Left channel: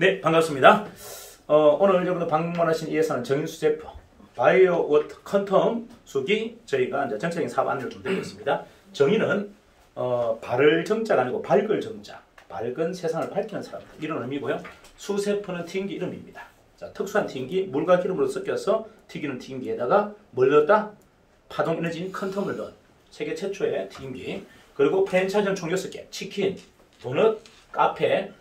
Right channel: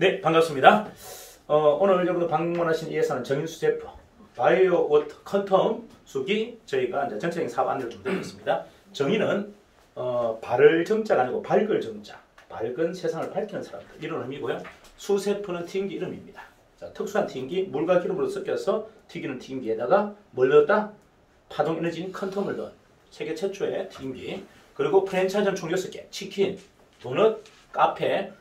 네, 반갑습니다. 오늘 여러분들 방문하신 이 회사는 정인수제품 바이오 워터 컨텀 수기 저희가 이제 전체적인 사업 안내를 좀 드리겠습니다. 정의는 발을 정자가 아니고 밝을 정자, 밝은 세상을 밝히는 사람들 이런 의미고요. 수세포는 튀김기 이름입니다. 자, 특수한 튀김기, 물과 기름으로 섞여서 튀기는 튀김기에다가 뭘 넣었다? 파동 에너지인 컨텀을 넣은 세계 최초의 튀김기. 그리고 프랜차이즈는 총 6개, 치킨, 도넛, 카페,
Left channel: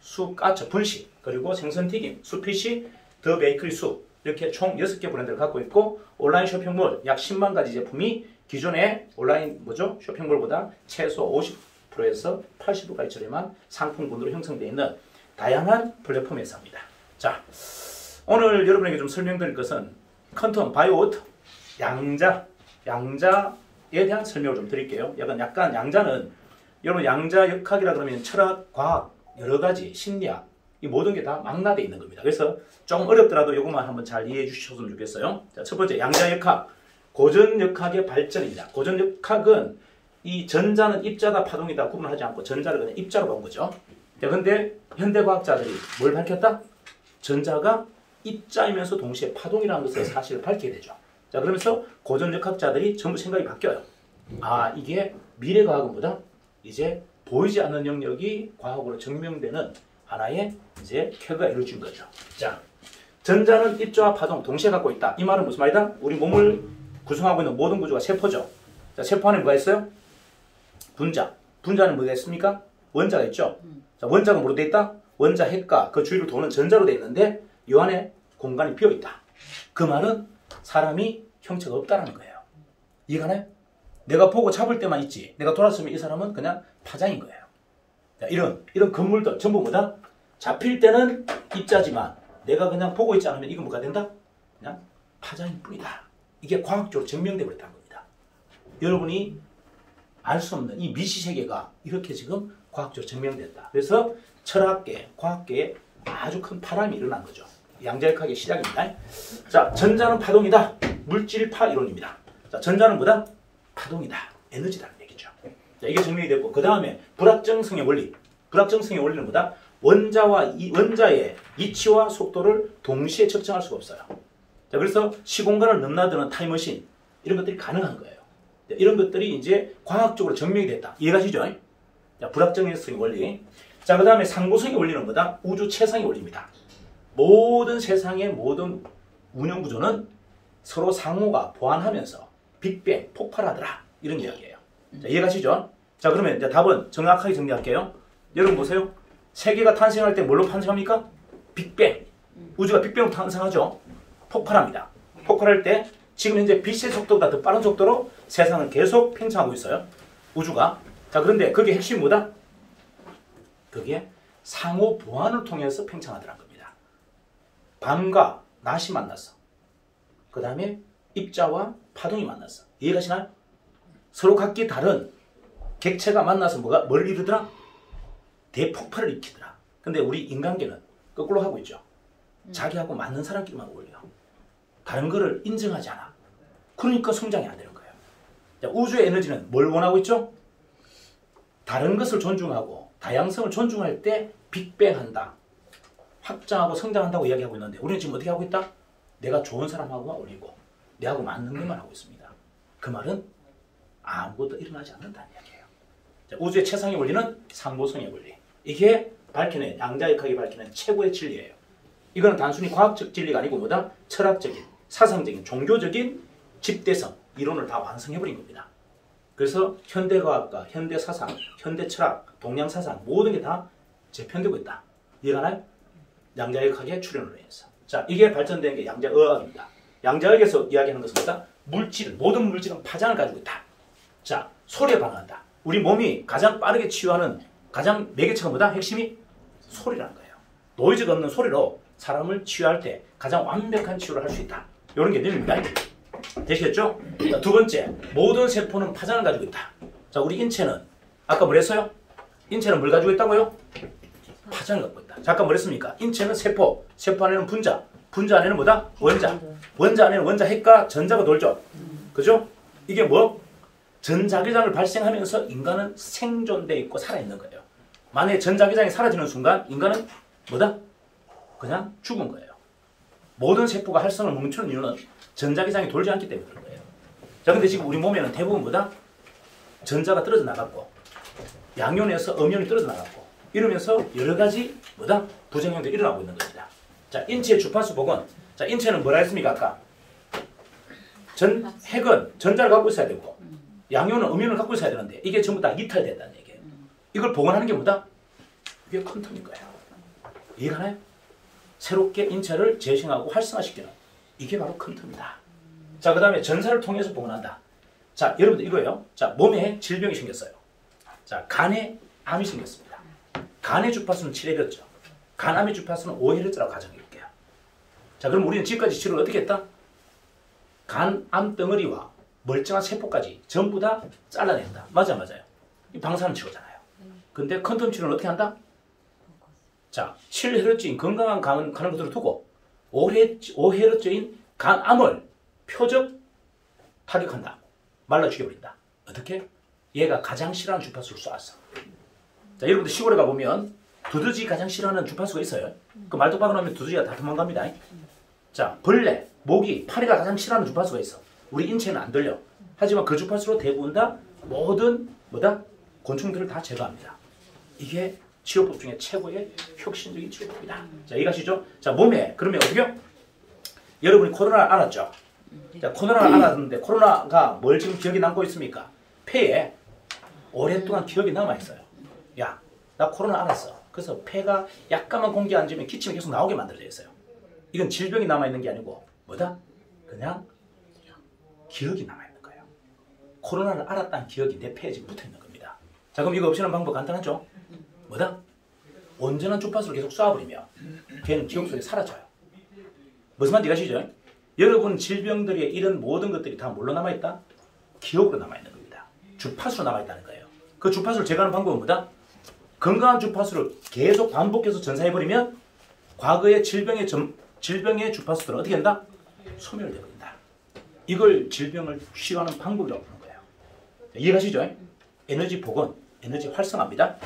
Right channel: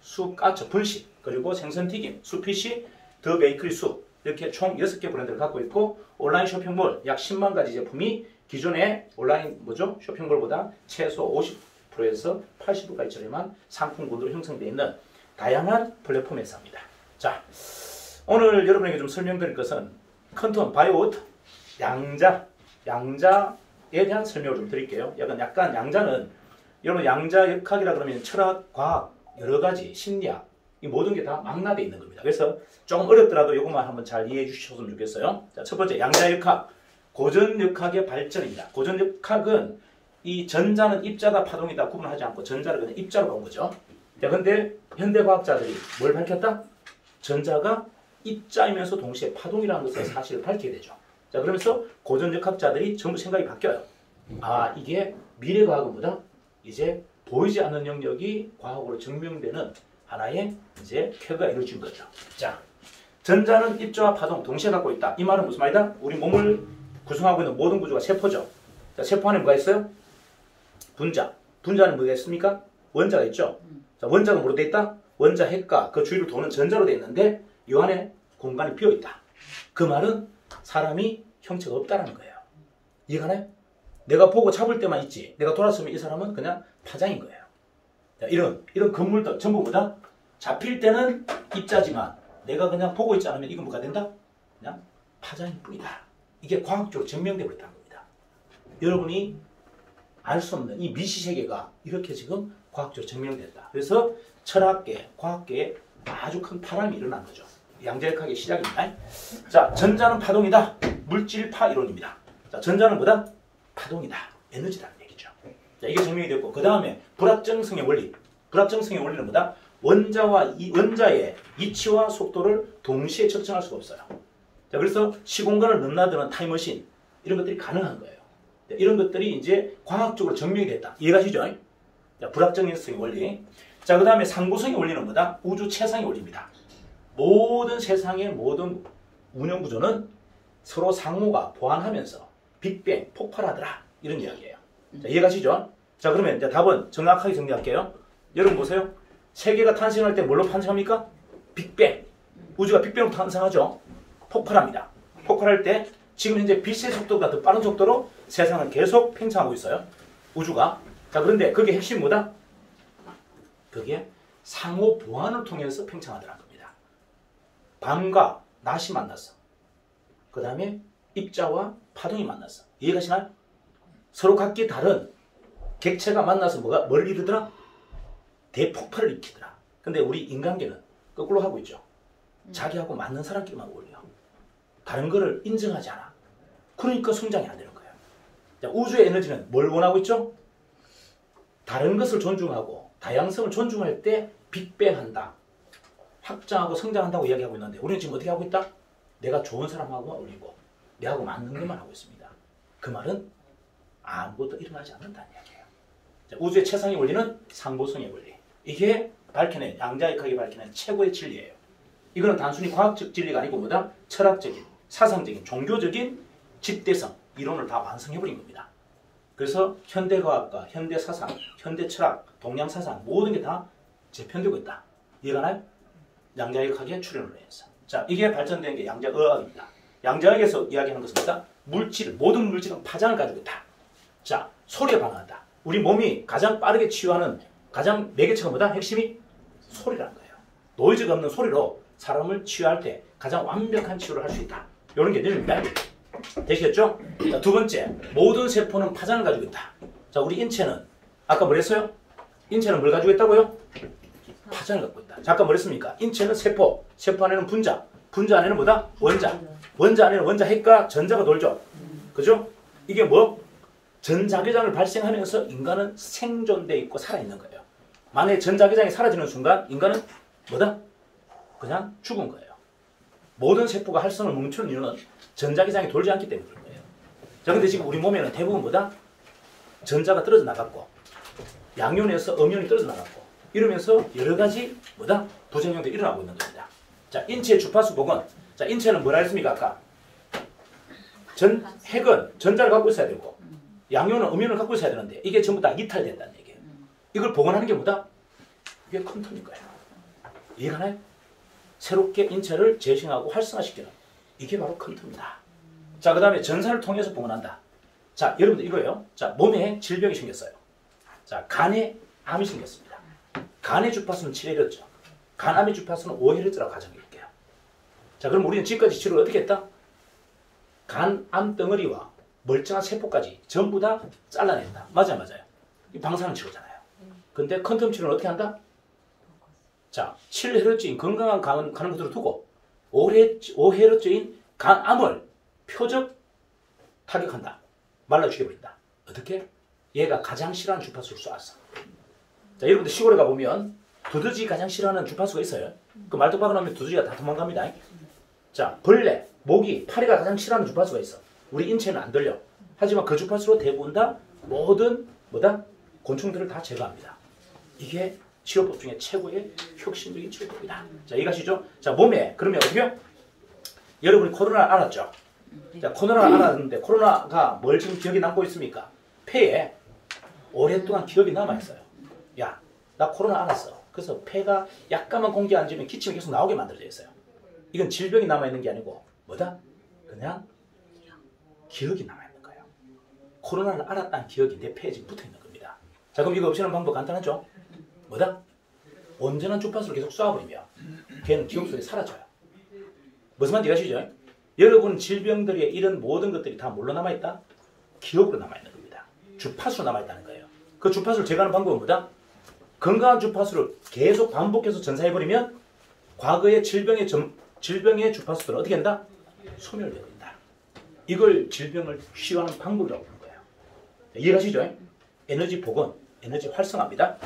쑥까처, 분식, 그리고 생선튀김, 수피시, 더 베이커리 숲 이렇게 총 6개 브랜드를 갖고 있고 온라인 쇼핑몰 약 10만 가지 제품이 기존의 온라인 쇼핑몰보다 최소 50%에서 80%까지 저렴한 상품군으로 형성되어 있는 다양한 플랫폼 회사입니다. 자, 오늘 여러분에게 좀 설명드릴 것은 컨텀 바이오워터 양자에 대한 설명을 좀 드릴게요. 약간 양자는 여러분 양자 역학이라 그러면 철학, 과학, 여러 가지 심리학 이 모든 게 다 망라되어 있는 겁니다. 그래서 조금 어렵더라도 이것만 한번 잘 이해해 주셨으면 좋겠어요. 자, 첫 번째 양자 역학, 고전 역학의 발전입니다. 고전 역학은 이 전자는 입자다 파동이다 구분하지 않고 전자를 그냥 입자로 본 거죠. 자, 근데 현대 과학자들이 뭘 밝혔다? 전자가 입자이면서 동시에 파동이라는 것을 사실을 밝히게 되죠. 자, 그러면서 고전 역학자들이 전부 생각이 바뀌어요. 아, 이게 미래 과학보다 이제 보이지 않는 영역이 과학으로 증명되는 하나의 이제 쾌거가 이루어진 거죠. 자, 전자는 입자와 파동 동시에 갖고 있다. 이 말은 무슨 말이다? 우리 몸을 구성하고 있는 모든 구조가 세포죠. 자, 세포 안에 뭐가 있어요? 분자. 분자는 뭐가 있습니까? 원자가 있죠. 자, 원자가 뭐로 돼 있다? 원자 핵과 그 주위를 도는 전자로 돼 있는데 이 안에 공간이 비어 있다. 그 말은 사람이 형체가 없다는 거예요. 이해가나요? 내가 보고 잡을 때만 있지. 내가 돌았으면 이 사람은 그냥 파장인 거예요. 자, 이런 건물들 전부 뭐다? 잡힐 때는 입자지만 내가 그냥 보고 있지 않으면 이건 뭐가 된다? 그냥 파장일 뿐이다. 이게 과학적으로 증명되어 버렸다는 겁니다. 여러분이 알 수 없는 이 미시세계가 이렇게 지금 과학적으로 증명됐다. 그래서 철학계, 과학계에 아주 큰 파란이 일어난 거죠. 양자역학의 시작입니다. 자, 전자는 파동이다. 물질파 이론입니다. 자, 전자는 뭐다? 파동이다. 에너지라는 얘기죠. 자, 이게 증명이 됐고, 그 다음에 불확정성의 원리. 불확정성의 원리는 뭐다? 원자의 이치와 속도를 동시에 측정할 수가 없어요. 자, 그래서 시공간을 넘나드는 타임머신, 이런 것들이 가능한 거예요. 자, 이런 것들이 이제 과학적으로 증명이 됐다. 이해가시죠? 자, 불확정성의 원리. 자, 그 다음에 상고성의 원리는 뭐다? 우주 최상의 원리입니다. 모든 세상의 모든 운영 구조는 서로 상호가 보완하면서 빅뱅, 폭발하더라. 이런 이야기예요. 자, 이해가시죠? 자, 그러면 이제 답은 정확하게 정리할게요. 여러분 보세요. 세계가 탄생할 때 뭘로 탄생합니까? 빅뱅. 우주가 빅뱅으로 탄생하죠. 폭발합니다. 폭발할 때 지금 현재 빛의 속도보다 더 빠른 속도로 세상은 계속 팽창하고 있어요. 우주가. 자, 그런데 그게 핵심이 뭐다? 그게 상호 보완을 통해서 팽창하더라는 겁니다. 밤과 낮이 만났어. 그 다음에 입자와 파동이 만났어. 이해가시나요? 서로 각기 다른 객체가 만나서 뭘 이루더라? 대폭발을 일으키더라. 근데 우리 인간계는 거꾸로 하고 있죠. 자기하고 맞는 사람끼리만 어울려. 다른 거를 인정하지 않아. 그러니까 성장이 안 되는 거예요. 자, 우주의 에너지는 뭘 원하고 있죠? 다른 것을 존중하고 다양성을 존중할 때 빅뱅한다. 확장하고 성장한다고 이야기하고 있는데 우리는 지금 어떻게 하고 있다? 내가 좋은 사람하고 어울리고 내하고 맞는 것만 하고 있습니다. 그 말은 아무것도 일어나지 않는다는 이야기예요. 자, 우주의 최상의 원리는 상고성의 원리. 이게 밝혀낸 양자역학이 밝혀낸 최고의 진리예요. 이거는 단순히 과학적 진리가 아니고 뭐다? 철학적인, 사상적인, 종교적인 집대성, 이론을 다 완성해버린 겁니다. 그래서 현대과학과 현대사상, 현대철학, 동양사상 모든 게 다 재편되고 있다. 이해가나요? 양자역학의 출현으로 인해서. 자, 이게 발전된 게 양자의학입니다. 양자역에서 이야기하는 것은 뭐다? 모든 물질은 파장을 가지고 있다. 자, 소리에 반응한다. 우리 몸이 가장 빠르게 치유하는 가장 매개체가 뭐다? 핵심이 소리라는 거예요. 노이즈가 없는 소리로 사람을 치유할 때 가장 완벽한 치유를 할 수 있다. 이런 개념입니다. 되시겠죠? 자, 두 번째, 모든 세포는 파장을 가지고 있다. 자, 우리 인체는 아까 뭐랬어요? 인체는 뭘 가지고 있다고요? 파장을 갖고 있다. 자, 아까 뭐랬습니까? 인체는 세포, 세포 안에는 분자, 분자 안에는 뭐다? 원자, 원자 안에는 원자 핵과 전자가 돌죠. 그죠? 이게 뭐? 전자기장을 발생하면서 인간은 생존돼 있고 살아있는 거예요. 만약에 전자기장이 사라지는 순간 인간은 뭐다? 그냥 죽은 거예요. 모든 세포가 활성을 멈추는 이유는 전자기장이 돌지 않기 때문에 그런 거예요. 자, 근데 지금 우리 몸에는 대부분 뭐다? 전자가 떨어져 나갔고 양면에서 음면이 떨어져 나갔고 이러면서 여러 가지 뭐다? 부작용들이 일어나고 있는 겁니다. 자, 인체의 주파수 복원. 자, 인체는 뭐라 했습니까? 아까 핵은 전자를 갖고 있어야 되고 양면은 음면을 갖고 있어야 되는데 이게 전부 다 이탈됐다는 얘기예요. 이걸 복원하는 게 뭐다? 이게 퀀텀일 거예요. 이해가나요? 새롭게 인체를 재생하고 활성화시키는 이게 바로 퀀텀이다. 자, 그 다음에 전사를 통해서 복원한다. 자, 여러분들 이거예요. 자, 몸에 질병이 생겼어요. 자, 간에 암이 생겼습니다. 간의 주파수는 7Hz, 간암의 주파수는 5Hz라고 가정해볼게요. 자, 그럼 우리는 지금까지 치료를 어떻게 했다? 간암 덩어리와 멀쩡한 세포까지 전부 다 잘라낸다. 맞아요. 이 방사능 치료잖아요. 근데 퀀텀 치료는 어떻게 한다? 자, 7Hz인 건강한 간은 그대로 두고 5Hz인 간암을 표적 타격한다. 말라 죽여버린다. 어떻게? 얘가 가장 싫어하는 주파수를 쏘았어. 자, 여러분들 시골에 가보면 두더지 가장 싫어하는 주파수가 있어요. 그 말뚝박을 하면 두더지가 다 도망갑니다. 자, 벌레, 모기, 파리가 가장 싫어하는 주파수가 있어. 우리 인체는 안 들려. 하지만 그 주파수로 대부분 다 모든 뭐다? 곤충들을 다 제거합니다. 이게 치료법 중에 최고의 혁신적인 치료법이다. 자, 이해가시죠? 자, 몸에 그러면 어떻게요? 여러분이 코로나를 알았죠? 자, 코로나를 알았는데 코로나가 뭘 지금 기억에 남고 있습니까? 폐에 오랫동안 기억이 남아있어요. 야, 나 코로나 알았어. 그래서 폐가 약간만 공기 안 주면 기침이 계속 나오게 만들어져 있어요. 이건 질병이 남아있는 게 아니고 뭐다? 그냥 기억이 남아있는 거예요. 코로나를 알았다는 기억이 내 폐에 지금 붙어있는 겁니다. 자, 그럼 이거 없애는 방법 간단하죠? 뭐다? 온전한 주파수를 계속 쏴버리면 걔는 기억 속에 사라져요. 무슨 말인지 아시죠? 여러분 질병들의 이런 모든 것들이 다 뭘로 남아있다? 기억으로 남아있는 겁니다. 주파수로 남아있다는 거예요. 그 주파수를 제거하는 방법은 뭐다? 건강한 주파수를 계속 반복해서 전사해버리면 과거의 질병의 주파수들은 어떻게 한다? 소멸을 해버린다. 이걸 질병을 치료하는 방법이라고 부르는 거예요. 이해가시죠? 에너지 복원, 에너지 활성화입니다.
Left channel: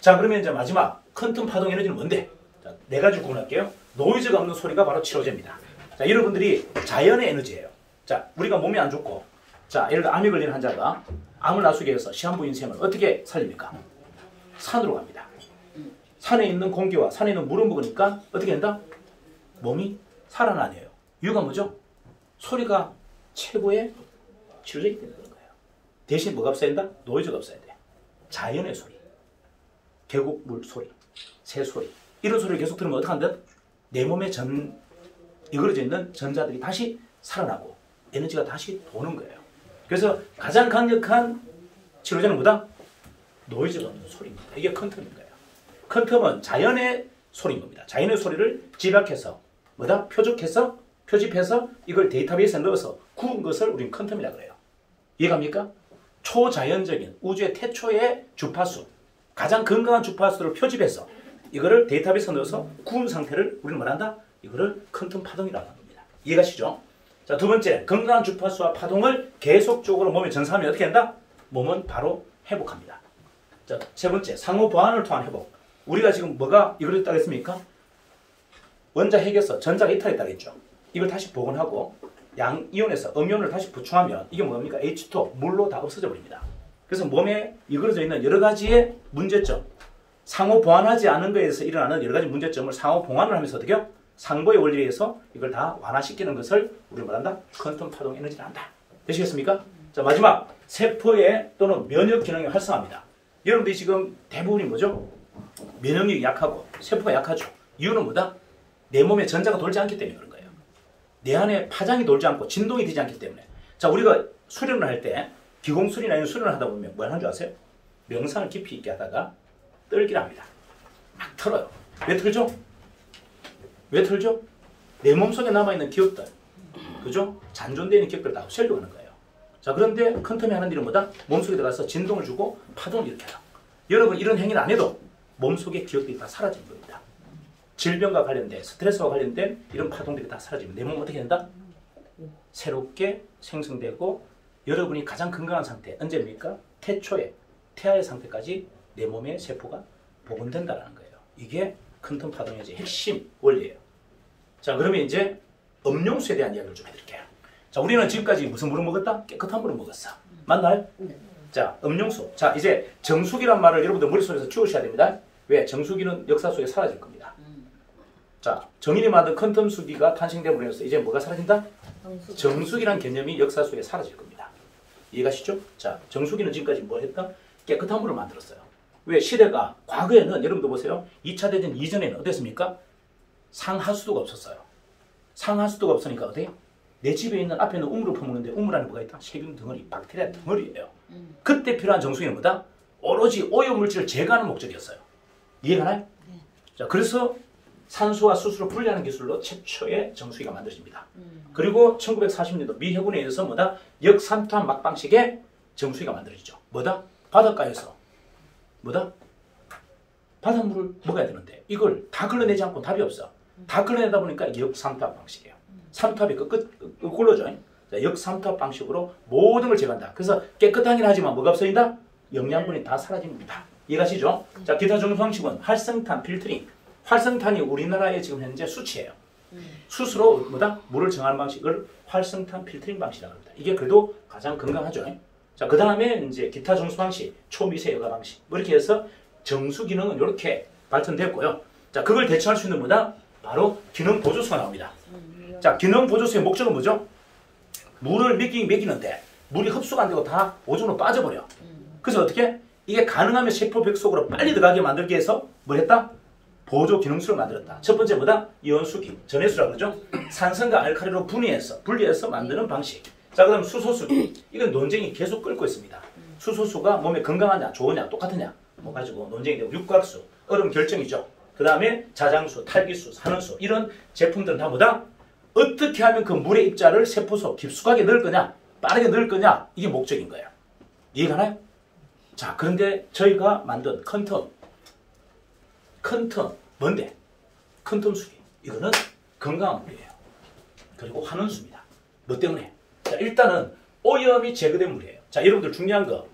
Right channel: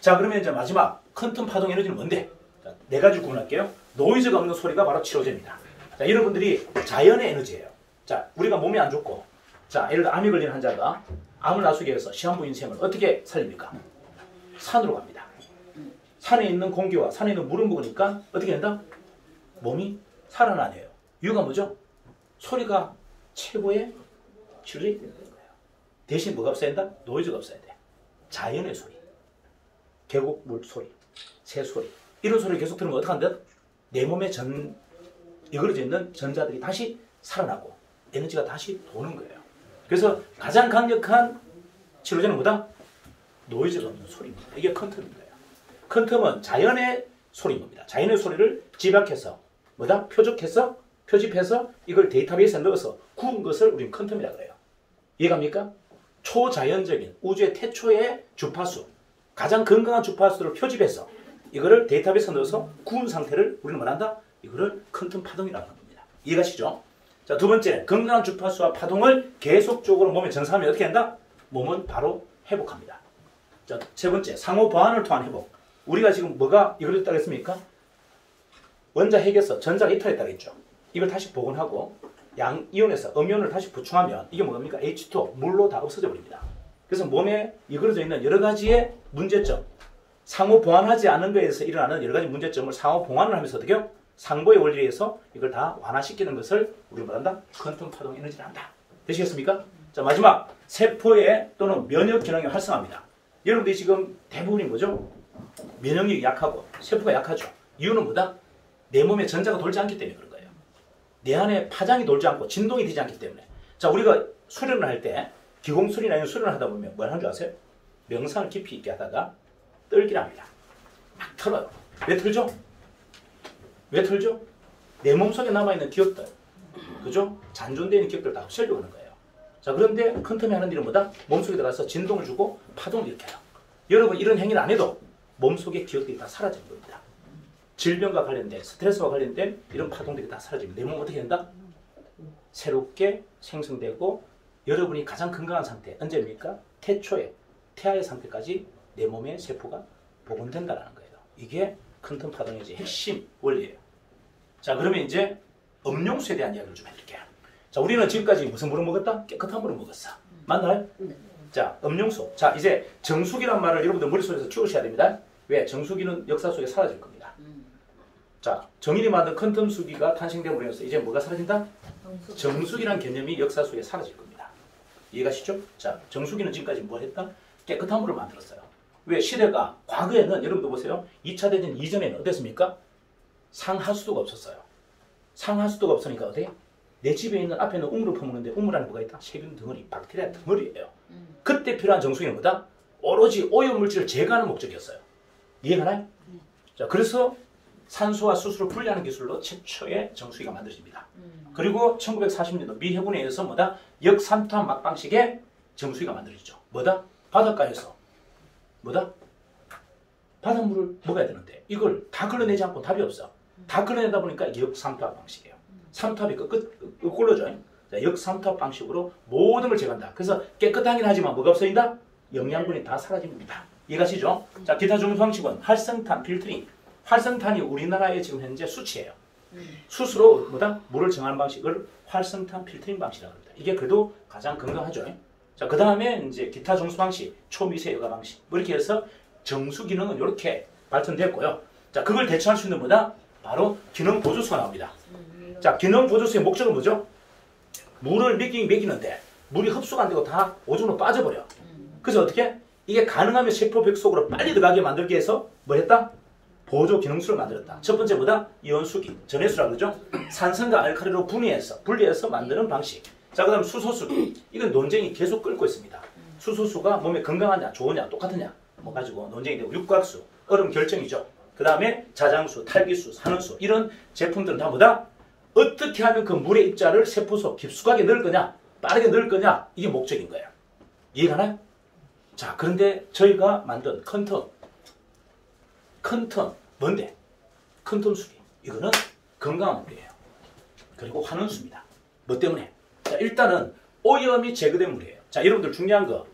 자, 그러면 이제 마지막 퀀텀 파동 에너지는 뭔데? 자, 네 가지를 구분할게요. 노이즈가 없는 소리가 바로 치료제입니다. 자, 여러분들이 자연의 에너지예요. 자, 우리가 몸이 안 좋고, 자, 예를 들어 암에 걸린 환자가 암을 나수게 해서 시한부 인생을 어떻게 살립니까? 산으로 갑니다. 산에 있는 공기와 산에 있는 물을 먹으니까 어떻게 된다? 몸이 살아나네요. 이유가 뭐죠? 소리가 최고의 치료제이 되는 거예요. 대신 뭐가 없어야 된다? 노이즈가 없어야 돼. 자연의 소리, 계곡물 소리, 새 소리, 이런 소리를 계속 들으면 어떻게 한다? 내 몸에 이걸어져 있는 전자들이 다시 살아나고 에너지가 다시 도는 거예요. 그래서 가장 강력한 치료제는 뭐다? 노이즈가 없는 소리입니다. 이게 퀀텀인 거예요. 퀀텀은 자연의 소리인 겁니다. 자연의 소리를 집약해서 뭐다? 표집해서 이걸 데이터베이스에 넣어서 구운 것을 우리는 퀀텀이라고 해요. 이해갑니까? 초자연적인 우주의 태초의 주파수, 가장 건강한 주파수를 표집해서 이거를 데이터베이스에 넣어서 구운 상태를 우리는 말한다? 이거를 퀀텀 파동이라고 하는 겁니다. 이해가시죠? 자, 두 번째, 건강한 주파수와 파동을 계속적으로 몸에 전사하면 어떻게 된다? 몸은 바로 회복합니다. 자, 세 번째, 상호 보완을 통한 회복. 우리가 지금 뭐가 이걸 했다고 했습니까? 원자 핵에서 전자가 이탈했다고 했죠. 이걸 다시 복원하고 양이온에서 음이온을 다시 보충하면 이게 뭡니까? H2O, 물로 다 없어져 버립니다. 그래서 몸에 이걸어져 있는 여러 가지의 문제점, 상호 보완하지 않는 것에 대해서 일어나는 여러 가지 문제점을 상호 보완을 하면서 어떻게 해요? 상보의 원리에 의해서 이걸 다 완화시키는 것을 우리가 말한다? 퀀텀 파동 에너지를 한다. 되시겠습니까? 자, 마지막, 세포의 또는 면역 기능이 활성화합니다. 여러분들이 지금 대부분이 뭐죠? 면역력이 약하고 세포가 약하죠. 이유는 뭐다? 내 몸에 전자가 돌지 않기 때문에 그런 거예요. 내 안에 파장이 돌지 않고 진동이 되지 않기 때문에. 자, 우리가 수련을 할 때 기공술이나 이런 수련을 하다 보면 뭘 하는 줄 아세요? 명상을 깊이 있게 하다가 떨기를 합니다. 막 털어요. 왜 털죠? 왜 털죠? 내 몸속에 남아있는 기억들, 그죠? 잔존되어 있는 기억들을 다 없애려고 하는 거예요. 자, 그런데 퀀텀이 하는 일은 뭐다? 몸속에 들어가서 진동을 주고 파동을 일으켜요. 여러분, 이런 행위를 안 해도 몸속의 기억들이 다 사라지는 겁니다. 질병과 관련된, 스트레스와 관련된 이런 파동들이 다 사라지면 내 몸은 어떻게 된다? 새롭게 생성되고 여러분이 가장 건강한 상태, 언제입니까? 태아의 상태까지 내 몸의 세포가 복원된다는 거예요. 이게 퀀텀 파동의 핵심 원리예요. 자, 그러면 이제 음용수에 대한 이야기를 좀 해드릴게요. 자, 우리는 지금까지 무슨 물을 먹었다? 깨끗한 물을 먹었어. 맞나요? 네. 자, 음용수. 자, 이제 정수기란 말을 여러분들 머릿속에서 지우셔야 됩니다. 왜? 정수기는 역사 속에 사라질 겁니다. 자, 정인이 만든 퀀텀수기가 탄생됨으로써 이제 뭐가 사라진다? 정수기란 개념이 역사 속에 사라질 겁니다. 이해가시죠? 자, 정수기는 지금까지 뭘 했다? 깨끗한 물을 만들었어요. 왜? 시대가 과거에는 여러분들 보세요. 2차 대전 이전에는 어땠습니까? 상하수도가 없었어요. 상하수도가 없으니까 어때? 내 집에 있는 앞에 있는 우물을 퍼먹는데 우물 안에 뭐가 있다? 세균 덩어리, 박테리아 덩어리예요. 그때 필요한 정수기는 뭐다? 오로지 오염물질을 제거하는 목적이었어요. 이해가나요? 자, 그래서 산소와 수소를 분리하는 기술로 최초의 정수기가 만들어집니다. 그리고 1940년도 미 해군에 의해서 뭐다? 역삼투압 막방식의 정수기가 만들어지죠. 뭐다? 바닷가에서 뭐다? 바닷물을 먹어야 되는데 이걸 다 걸러내지 않고 답이 없어. 다 걸러내다 보니까 역삼투압 방식이에요. 삼투압이 거꾸로죠. 역삼투압 방식으로 모든 걸 제거한다. 그래서 깨끗하긴 하지만 뭐가 없어진다? 영양분이 다 사라집니다. 이해가시죠? 자, 기타 정수 방식은 활성탄 필터링. 활성탄이 우리나라의 지금 현재 수치예요. 수스로 뭐다? 물을 정하는 방식을 활성탄 필터링 방식이라고 합니다. 이게 그래도 가장 건강하죠. 자, 그 다음에 이제 기타 정수 방식, 초미세 여과 방식. 뭐 이렇게 해서 정수 기능은 이렇게 발전됐고요. 자, 그걸 대체할 수 있는 뭐다? 바로 기능 보조수가 나옵니다. 자, 기능 보조수의 목적은 뭐죠? 물을 먹이는데 물이 흡수가 안 되고 다 오줌으로 빠져버려. 그래서 어떻게? 이게 가능하면 세포벽 속으로 빨리 들어가게 만들기 위해서 뭐 했다? 보조 기능수를 만들었다. 첫 번째 뭐다? 이온수기, 전해수라고 그러죠? 산성과 알칼리로 분리해서 만드는 방식. 자, 그 다음에 수소수기. 이건 논쟁이 계속 끓고 있습니다. 수소수가 몸에 건강하냐, 좋으냐, 똑같으냐 뭐 가지고 논쟁이 되고, 육각수, 얼음 결정이죠. 그 다음에 자장수, 탈기수, 산화수 이런 제품들은 다 뭐다? 어떻게 하면 그 물의 입자를 세포 속 깊숙하게 넣을 거냐, 빠르게 넣을 거냐, 이게 목적인 거예요. 이해가나요? 자, 그런데 저희가 만든 컨텀 뭔데? 컨텀수기. 이거는 건강한 물이에요. 그리고 환원수입니다. 뭐 때문에? 자, 일단은 오염이 제거된 물이에요. 자, 여러분들 중요한 거,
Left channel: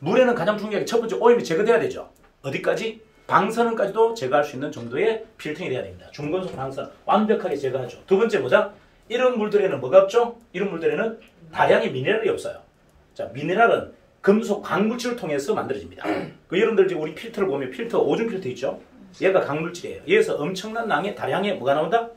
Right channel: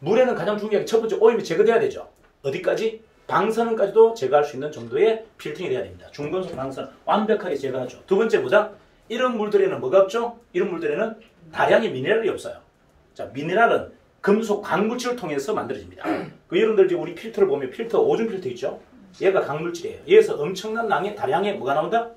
물에는 가장 중요한 게 첫 번째 오염이 제거돼야 되죠. 어디까지? 방사능까지도 제거할 수 있는 정도의 필터링이 돼야 됩니다. 중금속 방사능 완벽하게 제거하죠. 두 번째 뭐다? 이런 물들에는 뭐가 없죠? 이런 물들에는 다량의 미네랄이 없어요. 자, 미네랄은 금속 광물질을 통해서 만들어집니다. 그 여러분들 지금 우리 필터를 보면 필터, 오줌 필터 있죠? 얘가 광물질이에요. 여기서 엄청난 다량의 뭐가 나온다?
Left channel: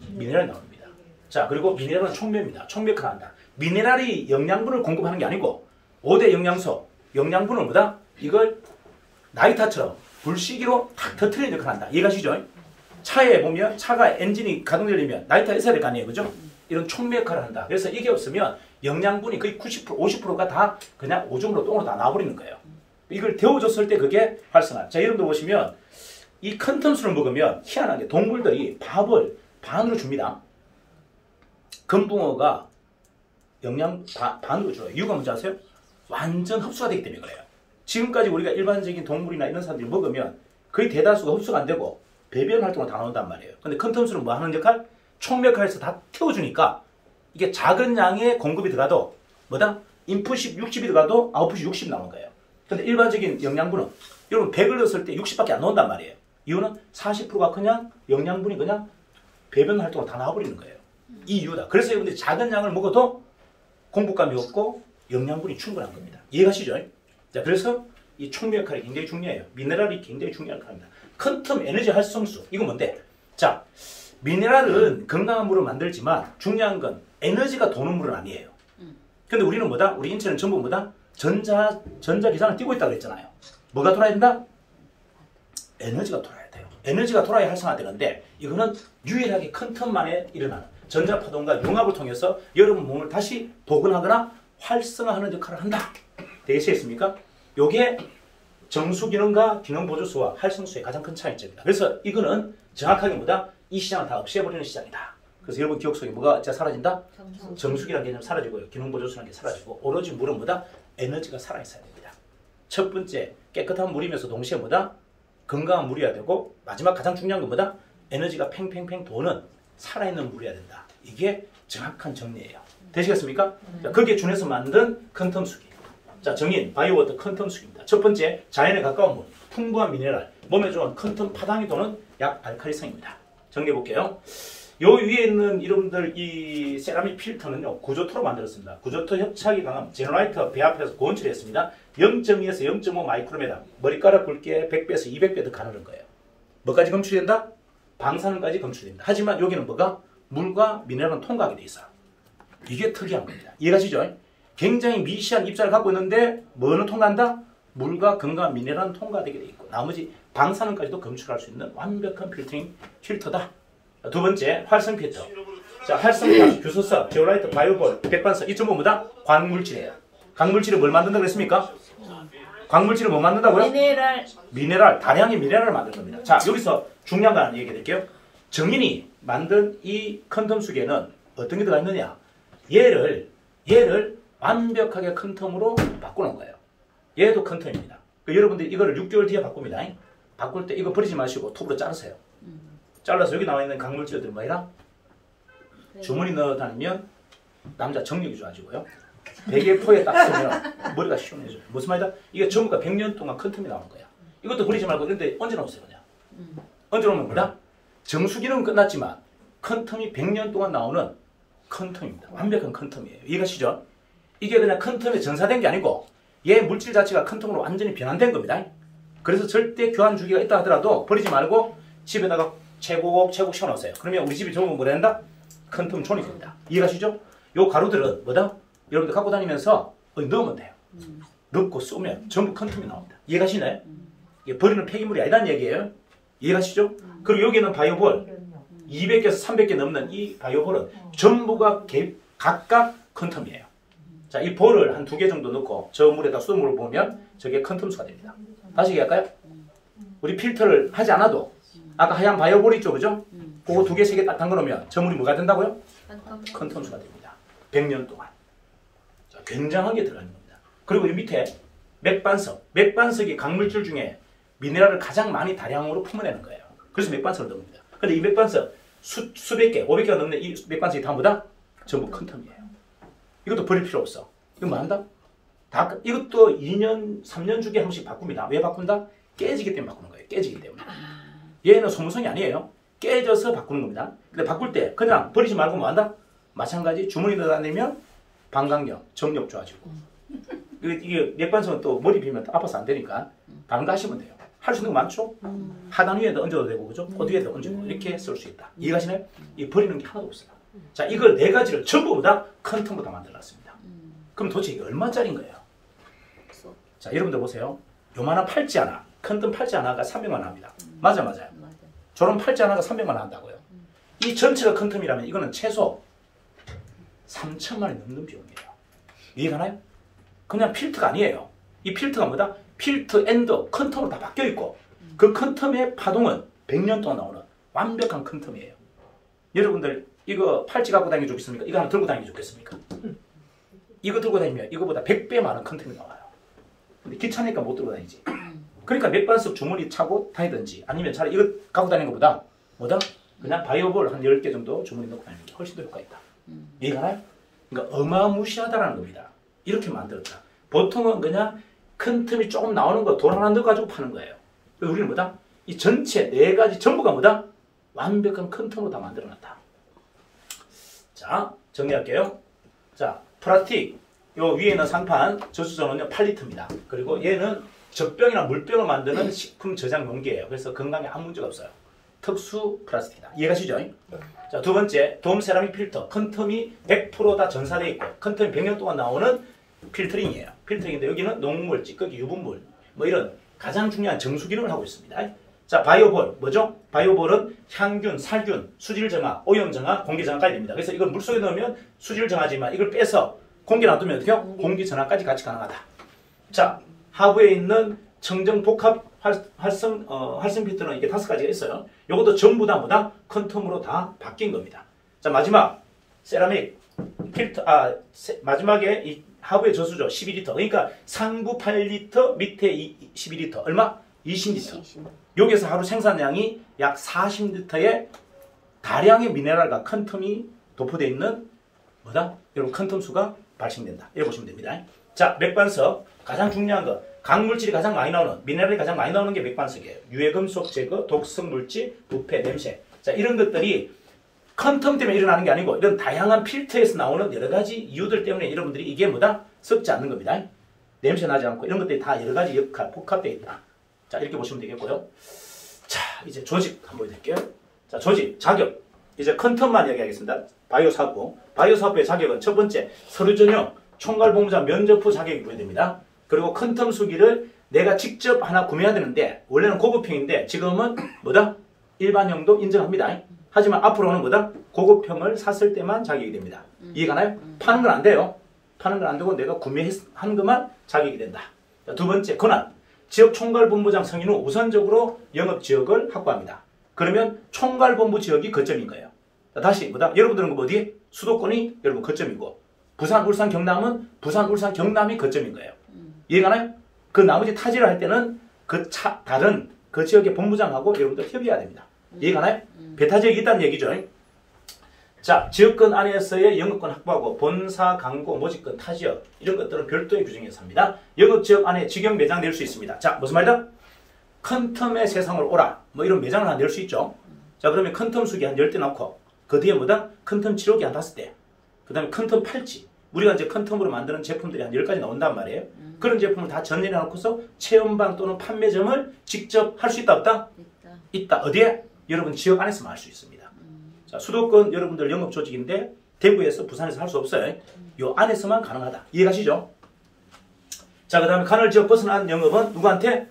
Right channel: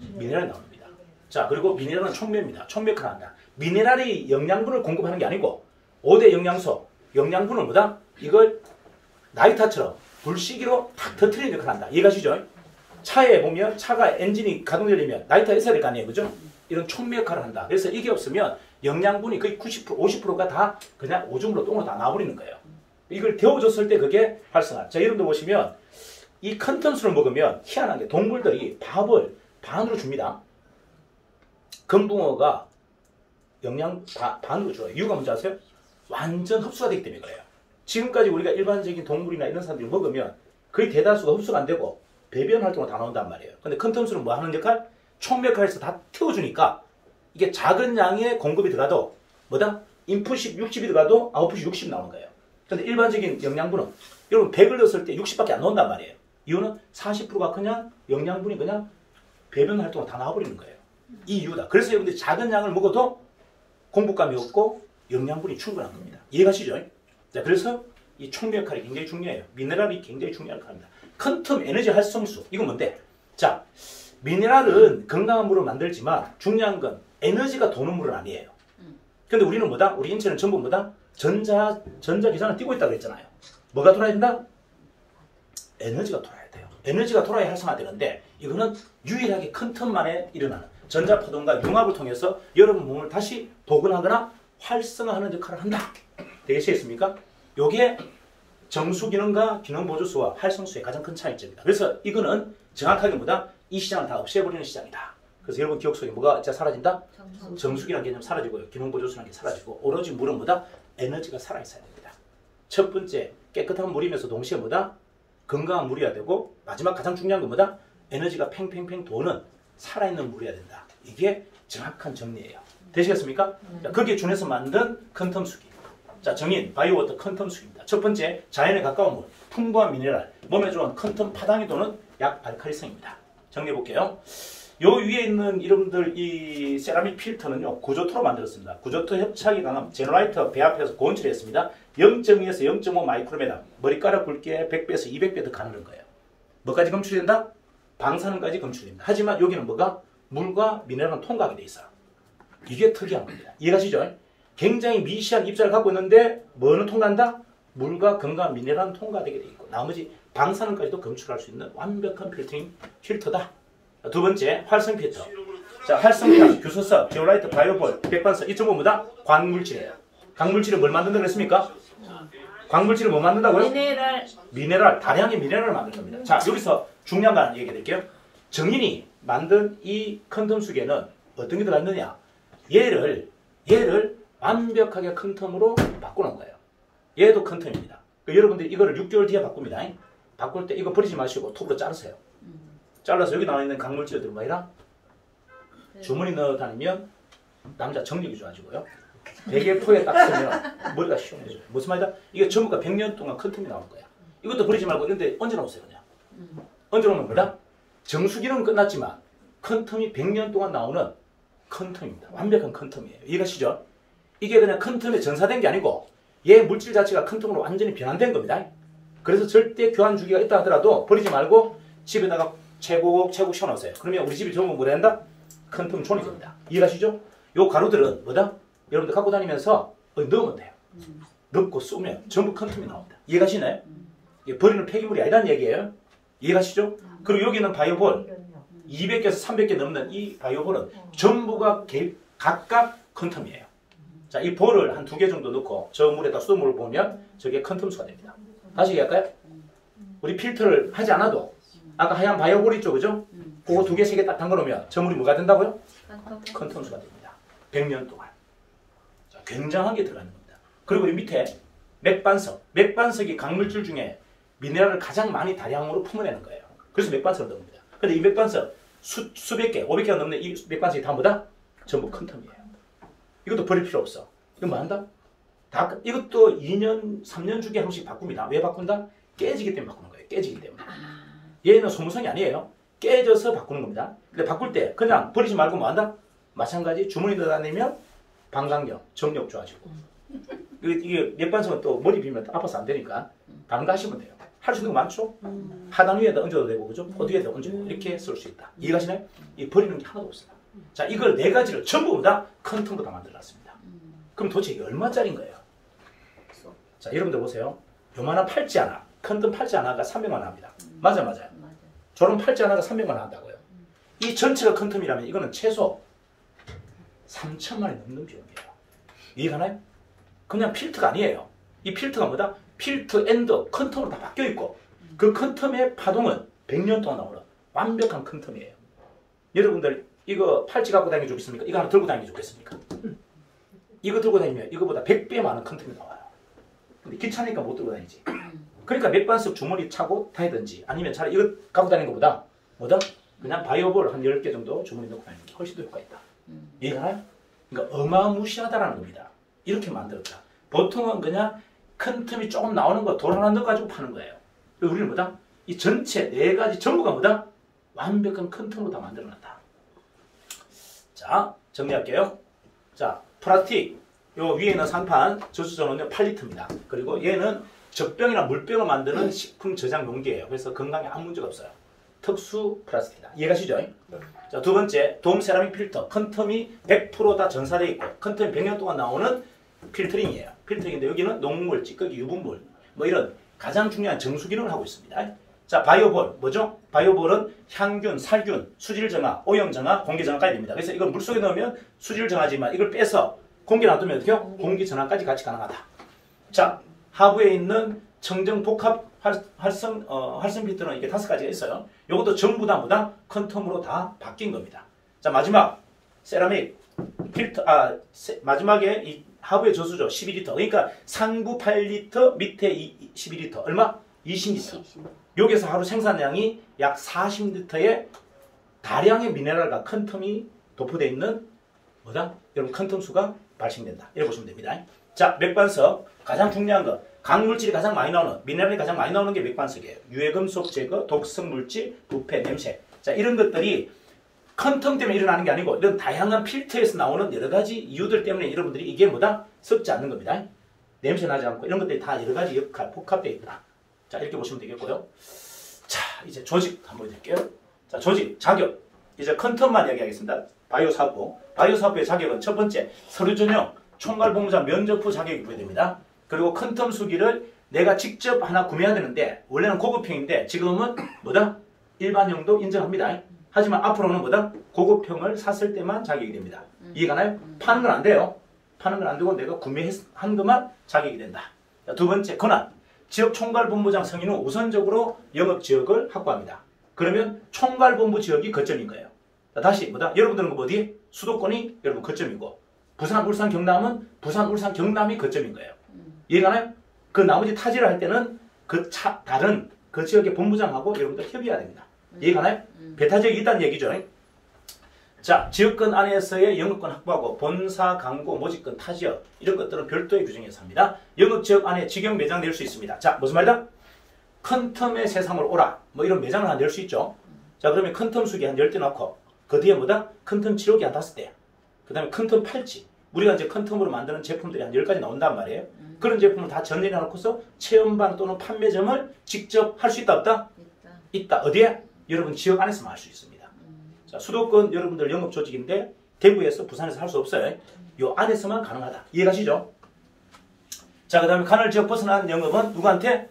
미네랄이 나옵니다. 자, 그리고 미네랄은 촉매입니다. 촉매를 한다. 미네랄이 영양분을 공급하는 게 아니고 5대 영양소, 영양분은 뭐다? 이걸 나이타처럼 불시기로 탁 터트리는 역할을 한다. 이해가시죠? 차에 보면 차가 엔진이 가동되려면 나이타가 있어야 될 거 아니에요. 그죠? 이런 촉매 역할을 한다. 그래서 이게 없으면 영양분이 거의 90%, 50%가 다 그냥 오줌으로 똥으로 다 나와버리는 거예요. 이걸 데워줬을 때 그게 활성화. 자, 여러분들 보시면 이 컨텀수를 먹으면 희한하게 동물들이 밥을 반으로 줍니다. 금붕어가 영양 반으로 줘요. 이유가 뭔지 아세요? 완전 흡수가 되기 때문에 그래요. 지금까지 우리가 일반적인 동물이나 이런 사람들이 먹으면 거의 대다수가 흡수가 안 되고 배변 활동을 다 나온단 말이에요. 근데 컨텀수는 뭐 하는 역할? 촉매 역할에서 다 태워주니까 이게 작은 양의 공급이 들어가도 뭐다? 인풋이 60이 들어가도 아웃풋이 60 나오는 거예요. 근데 일반적인 영양분은 여러분 100을 넣었을 때 60밖에 안 나온단 말이에요. 이유는 40%가 그냥 영양분이 그냥 배변 활동으로 다 나와버리는 거예요. 이 이유다. 그래서 여러분들이 작은 양을 먹어도 공복감이 없고 영양분이 충분한 겁니다. 이해가시죠? 자, 그래서 이 촉매 역할이 굉장히 중요해요. 미네랄이 굉장히 중요한 역할입니다. 컨텀 에너지 활성수. 이건 뭔데? 자, 미네랄은 건강한 물을 만들지만 중요한 건 에너지가 도는 물은 아니에요. 근데 우리는 뭐다? 우리 인체는 전부 뭐다? 전자기장을 띄고 있다고 그랬잖아요. 뭐가 돌아야 된다? 에너지가 돌아야 돼요. 에너지가 돌아야 활성화되는데 이거는 유일하게 컨텀만에 일어나는 전자파동과 융합을 통해서 여러분 몸을 다시 복원하거나 활성화하는 역할을 한다. 되겠습니까? 요게 정수기능과 기능보조수와 활성수의 가장 큰 차이점입니다. 그래서 이거는 정확하게 뭐다? 이 시장을 다 없애버리는 시장이다. 그래서 여러분 기억 속에 뭐가 사라진다? 정수기라는 개념 사라지고요. 기능보조수라는 게 사라지고 오로지 물은 뭐다? 에너지가 살아있어야 됩니다. 첫 번째, 깨끗한 물이면서 동시에 뭐다? 건강한 물이어야 되고 마지막 가장 중요한 건 뭐다? 에너지가 팽팽팽 도는 살아있는 물이어야 된다. 이게 정확한 정리예요. 되시겠습니까? 자, 거기에 준해서 만든 컨텀수기. 자, 정인, 바이오워터 컨텀수기입니다. 첫 번째, 자연에 가까운 물, 풍부한 미네랄, 몸에 좋은 컨텀 파당이 도는 약 알칼리성입니다. 정리해 볼게요. 요 위에 있는 여러분들 이 세라믹 필터는요 구조토로 만들었습니다. 구조토 협착이 강한 제너라이터 배 앞에서 고온처리했습니다. 0.2에서 0.5 마이크로메다 머리카락 굵기에 100배에서 200배 더 가느는 거예요. 뭐까지 검출된다? 방사능까지 검출됩니다. 하지만 여기는 뭐가? 물과 미네랄은 통과하게 돼 있어요. 이게 특이한 겁니다. 이해가시죠? 굉장히 미시한 입자를 갖고 있는데 뭐는 통과한다? 물과 금과 미네랄은 통과되게 돼 있고 나머지 방사능까지도 검출할 수 있는 완벽한 필터다. 두 번째, 활성 필터. 자, 활성 필터, 규소석, 제오라이트, 바이오볼, 백반석, 이쪽 뭐다? 광물질이에요. 광물질이 뭘 만든다고 그랬습니까? 광물질을 뭐 만든다고요? 미네랄, 다량의 미네랄을 만드는 겁니다. 자, 여기서 중요한 거 하나 얘기해 드릴게요. 정인이 만든 이 컨텀 속에는 어떤 게 들어가 있느냐? 얘를 완벽하게 컨텀으로 바꾸는 거예요. 얘도 컨텀입니다. 여러분들 이거를 6개월 뒤에 바꿉니다. 바꿀 때 이거 버리지 마시고 톱으로 자르세요. 잘라서 여기 나와 있는 강물질들 뭐이라? 주머니 넣어 다니면 남자 정력이 좋아지고요. 베개포에 딱 쓰면 머리가 시원해져요. 무슨 말이다? 이게 전부가 100년 동안 컨텀이 나오는 거야. 이것도 버리지 말고 이런 데 얹어놓으세요. 그냥. 얹어놓으면 뭐다? 정수기는 끝났지만 컨텀이 100년 동안 나오는 컨텀입니다. 완벽한 컨텀이에요. 이해가시죠? 이게 그냥 컨텀에 전사된 게 아니고 얘 물질 자체가 컨텀으로 완전히 변환된 겁니다. 그래서 절대 교환 주기가 있다 하더라도 버리지 말고 집에다가 채곡 씌워놓으세요. 그러면 우리 집이 좋은 건 뭐라 한다? 컨텀 존이 됩니다. 이해가시죠? 요 가루들은 뭐다? 여러분들 갖고 다니면서 넣으면 돼요. 넣고 쏘면 전부 컨텀이 나옵니다. 이해가시나요? 이게 버리는 폐기물이 아니라는 얘기예요. 이해가시죠? 그리고 여기는 바이오볼 200개에서 300개 넘는 이 바이오볼은 전부가 각각 컨텀이에요. 자, 이 볼을 한 2개 정도 넣고 저 물에다 수돗물을 보면 저게 컨텀수가 됩니다. 다시 얘기할까요? 우리 필터를 하지 않아도 아까 하얀 바이오볼 있죠, 그죠? 그거 2개, 3개 딱 담궈놓으면 저 물이 뭐가 된다고요? 컨텀수가 됩니다. 100년 동안. 자, 굉장하게 들어가 있는 겁니다. 그리고 이 밑에 맥반석. 맥반석이 강물질 중에 미네랄을 가장 많이 다량으로 품어내는 거예요. 그래서 맥반석을 넣은 겁니다. 근데 이 맥반석 수백 개, 500개가 넘는 이 맥반석이 다 뭐다? 전부 컨텀이에요. 이것도 버릴 필요 없어. 이거 뭐 한다? 이것도 2년, 3년 주기에 한 번씩 바꿉니다. 왜 바꾼다? 깨지기 때문에 바꾸는 거예요. 깨지기 때문에. 얘는 소모성이 아니에요. 깨져서 바꾸는 겁니다. 근데 바꿀 때 그냥 버리지 말고 뭐 한다? 마찬가지 주머니 넣어 다니면 방광력, 정력 좋아지고. 이게 맥반석은 또 머리 비면 아파서 안 되니까 반가시면 돼요. 할 수 있는 거 많죠? 하단 위에다 얹어도 되고, 그죠? 그 뒤에다 얹고 이렇게 쓸 수 있다. 이해가시나요? 이 버리는 게 하나도 없어요. 자, 이걸 4가지를 전부 다 컨텀으로 다 만들어놨습니다. 그럼 도대체 이게 얼마짜리인 거예요? 자, 여러분들 보세요. 요만한 팔찌 하나, 컨텀 팔찌 하나가 300만 원 합니다. 맞아요. 저런 팔찌 하나가 300만 원 한다고요. 이 전체가 컨텀이라면 이거는 최소 3천만 원이 넘는 비용이에요. 이해가나요? 그냥 필터가 아니에요. 이 필터가 뭐다? 필터 엔드 컨텀으로 다 바뀌어 있고 그 컨텀의 파동은 100년 동안 나오는 완벽한 컨텀이에요. 여러분들 이거 팔찌 갖고 다니기 좋겠습니까? 이거 하나 들고 다니기 좋겠습니까? 이거 들고 다니면 이거보다 100배 많은 컨텀이 나와요. 근데 귀찮으니까 못 들고 다니지. 그러니까 맥반석 주머니 차고 다니든지 아니면 차라리 이거 갖고 다니는 것보다 뭐다? 그냥 바이오볼 한 10개 정도 주머니 넣고 다니는 게 훨씬 더 효과가 있다. 이해가나요? 그러니까 어마무시하다라는 겁니다. 이렇게 만들었다. 보통은 그냥 큰 틈이 조금 나오는 거 돌 하나 넣어가지고 파는 거예요. 우리는 뭐다? 이 전체 4가지 전부가 뭐다? 완벽한 큰 틈으로 다 만들어놨다. 자, 정리할게요. 자, 플라스틱. 요 위에는 상판, 저수저는요 8리터입니다. 그리고 얘는 젖병이나 물병을 만드는 식품 저장 용기예요. 그래서 건강에 아무 문제가 없어요. 특수 플라스틱이다. 이해가시죠? 자, 두 번째, 돔 세라믹 필터. 컨텀이 100% 다 전사되어 있고 컨텀이 100년 동안 나오는 필터링이에요. 필터링인데 여기는 녹물, 찌꺼기, 유분물 뭐 이런 가장 중요한 정수 기능을 하고 있습니다. 자, 바이오볼 뭐죠? 바이오볼은 향균, 살균, 수질 정화, 오염 정화, 공기 정화까지 됩니다. 그래서 이걸 물속에 넣으면 수질 정화지만 이걸 빼서 공기 놔두면 어떻게 해요? 공기 전화까지 같이 가능하다. 자, 하부에 있는 청정 복합 활성 필터는 이게 5가지가 있어요. 이것도 전부 다 뭐다? 컨텀으로 다 바뀐 겁니다. 자, 마지막 세라믹 필터, 마지막에 이 하부의 저수조 12리터. 그러니까 상부 8리터, 밑에 12리터. 얼마? 20리터. 여기서 하루 생산량이 약 40리터의 다량의 미네랄과 컨텀이 도포되어 있는 뭐다? 여러분 컨텀 수가 발생된다. 이렇게 보시면 됩니다. 자, 맥반석 가장 중요한 거 강물질이 가장 많이 나오는 미네랄이 가장 많이 나오는 게 맥반석이에요. 유해금속 제거, 독성 물질, 부패, 냄새 자, 이런 것들이 컨텀 때문에 일어나는 게 아니고 이런 다양한 필터에서 나오는 여러 가지 이유들 때문에 여러분들이 이게 뭐다? 썩지 않는 겁니다. 냄새 나지 않고 이런 것들이 다 여러 가지 역할, 복합되어 있더라. 자, 이렇게 보시면 되겠고요. 자, 이제 조직 한번 보여드릴게요. 자, 조직, 자격. 이제 컨텀만 얘기하겠습니다. 바이오 사업부. 바이오 사업부의 자격은 첫 번째, 서류 전형, 총괄 본부자 면접 후 자격이 부여됩니다. 그리고 컨텀 수기를 내가 직접 하나 구매해야 되는데 원래는 고급형인데 지금은 뭐다? 일반형도 인정합니다. 하지만 앞으로는 뭐다? 고급형을 샀을 때만 자격이 됩니다. 이해가나요? 파는 건 안 돼요. 파는 건 안 되고 내가 구매한 것만 자격이 된다. 자, 두 번째, 권한. 지역 총괄본부장 승인 후 우선적으로 영업지역을 확보합니다. 그러면 총괄본부 지역이 거점인 거예요. 자, 다시 뭐다? 여러분들은 어디? 수도권이 여러분 거점이고 부산, 울산, 경남은 부산, 울산, 경남이 거점인 거예요. 이해가나요? 그 나머지 타지를 할 때는 다른 그 지역의 본부장하고 여러분들 협의해야 됩니다. 이해가나요? 배타 지역이 있다는 얘기죠. 자, 지역권 안에서의 영업권 확보하고 본사, 광고, 모집권, 타지역 이런 것들은 별도의 규정에서 합니다. 영업지역 안에 직영 매장 낼 수 있습니다. 자, 무슨 말이다? 컨텀의 세상으로 오라. 뭐 이런 매장을 하나 낼 수 있죠. 자, 그러면 컨텀 수기 한 10대 넣고 그 뒤에 뭐다? 컨텀 치료기 한 5대. 그 다음에 컨텀 팔찌. 우리가 이제 컨텀으로 만드는 제품들이 한 10가지 나온단 말이에요. 그런 제품을 다 전열해 놓고서 체험방 또는 판매점을 직접 할 수 있다 없다? 있다. 어디에? 여러분 지역 안에서만 할 수 있습니다. 자, 수도권 여러분들 영업 조직인데 대구에서 부산에서 할 수 없어요. 요 안에서만 가능하다. 이해가시죠? 자, 그 다음에 간헐 지역 벗어난 영업은 누구한테?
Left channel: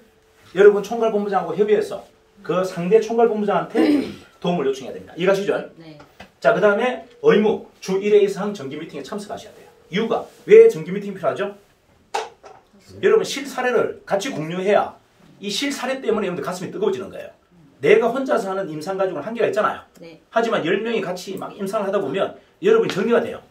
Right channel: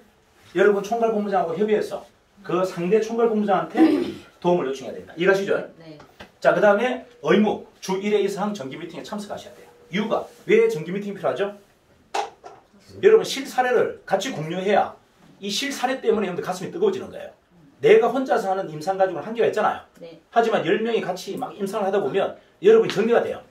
여러분 총괄본부장하고 협의해서 그 상대 총괄본부장한테 도움을 요청해야 됩니다. 이해가시죠? 네. 자, 그 다음에 의무 주 1회 이상 정기 미팅에 참석하셔야 돼요. 이유가 왜 정기 미팅이 필요하죠? 여러분 실사례를 같이 공유해야 이 실사례 때문에 여러분들 가슴이 뜨거워지는 거예요. 내가 혼자서 하는 임상 가지고는 한계가 있잖아요. 네. 하지만 10명이 같이 막 임상을 하다 보면 여러분이 정리가 돼요.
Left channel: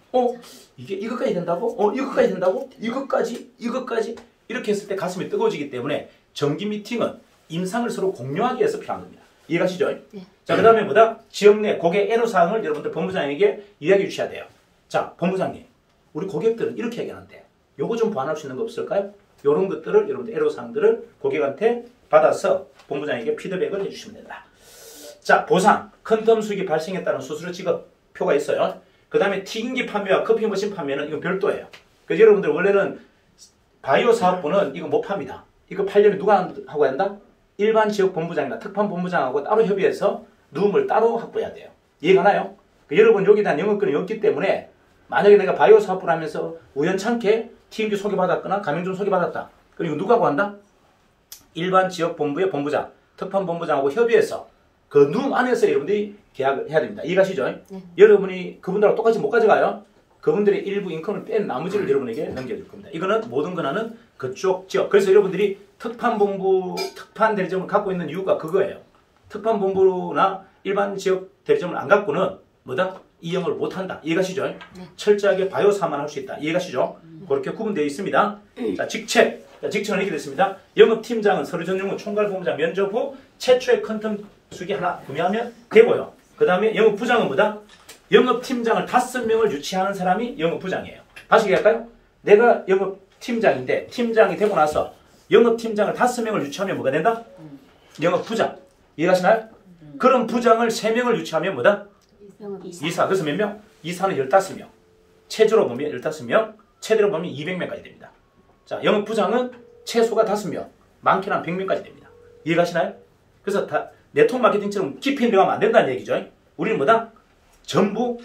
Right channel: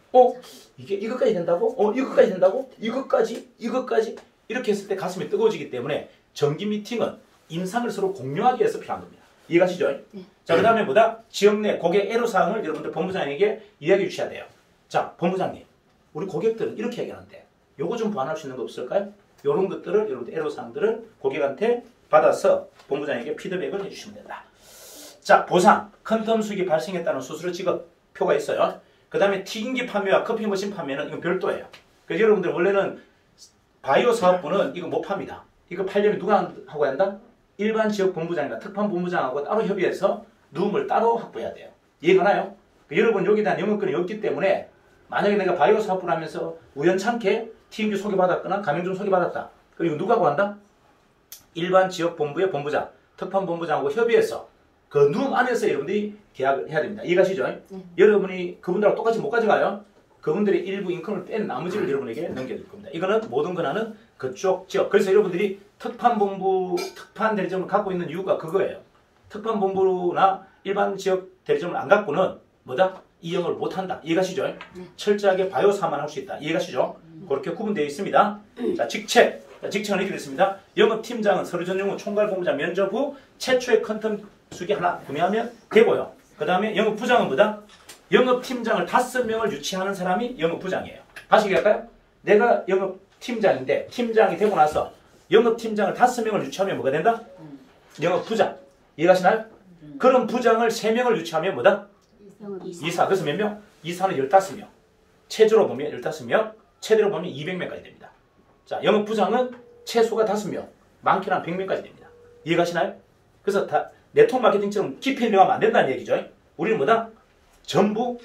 이게 이것까지 된다고? 이것까지 된다고? 이것까지 이렇게 했을 때 가슴이 뜨거워지기 때문에 정기 미팅은 임상을 서로 공유하기 위해서 필요한 겁니다. 이해가시죠? 네. 자, 그 다음에 뭐다? 지역 내 고객 애로사항을 여러분들 본부장에게 이야기해 주셔야 돼요. 자, 본부장님, 우리 고객들은 이렇게 얘기하는데 요거 좀 보완할 수 있는 거 없을까요? 요런 것들을 여러분들 애로사항들을 고객한테 받아서 본부장에게 피드백을 해주시면 된다. 자, 보상, 컨텀 수익이 발생했다는 수수료 지급 표가 있어요. 그 다음에 튀김기 판매와 커피 머신 판매는 이건 별도예요. 그래서 여러분들 원래는 바이오 사업부는 이거 못 팝니다. 이거 팔려면 누가 하고 한다? 일반 지역 본부장이나 특판 본부장하고 따로 협의해서 누움을 따로 확보해야 돼요. 이해가나요? 여러분 여기에 대한 영업권이 없기 때문에 만약에 내가 바이오 사업부를 하면서 우연찮게 튀김기 소개받았거나 가맹점 소개받았다. 그리고 누가 하고 한다? 일반 지역 본부의 본부장, 특판 본부장하고 협의해서 그 누움 안에서 여러분들이 계약을 해야 됩니다. 이해가시죠? 여러분이 그분들하고 똑같이 못 가져가요. 그분들의 일부 인컴을 뺀 나머지를 여러분에게 넘겨줄 겁니다. 이거는 모든 권한은 그쪽 지역. 그래서 여러분들이 특판 본부, 특판 대리점을 갖고 있는 이유가 그거예요. 특판 본부나 일반 지역 대리점을 안 갖고는 뭐다? 이용을 못한다. 이해가시죠? 철저하게 바이오사만 할 수 있다. 이해가시죠? 그렇게 구분되어 있습니다. 자, 직책. 자, 직책은 이렇게 됐습니다. 영업팀장은 서류 전용 후 총괄본부장 면접 후 최초의 컨텀 수기 하나 구매하면 되고요. 그 다음에 영업부장은 뭐다? 영업팀장을 5명을 유치하는 사람이 영업부장이에요. 다시 얘기할까요? 내가 영업팀장인데 팀장이 되고 나서 영업팀장을 5명을 유치하면 뭐가 된다? 영업부장. 이해가시나요? 그런 부장을 3명을 유치하면 뭐다? 이사. 그래서 몇 명? 이사는 15명. 최저로 보면 15명, 최대로 보면 200명까지 됩니다. 자, 영업부장은 최소가 5명, 많게는 한 100명까지 됩니다. 이해가시나요? 그래서 다 네트워크 마케팅처럼 깊이 들어가면 안 된다는 얘기죠. 우리는 뭐다? 전부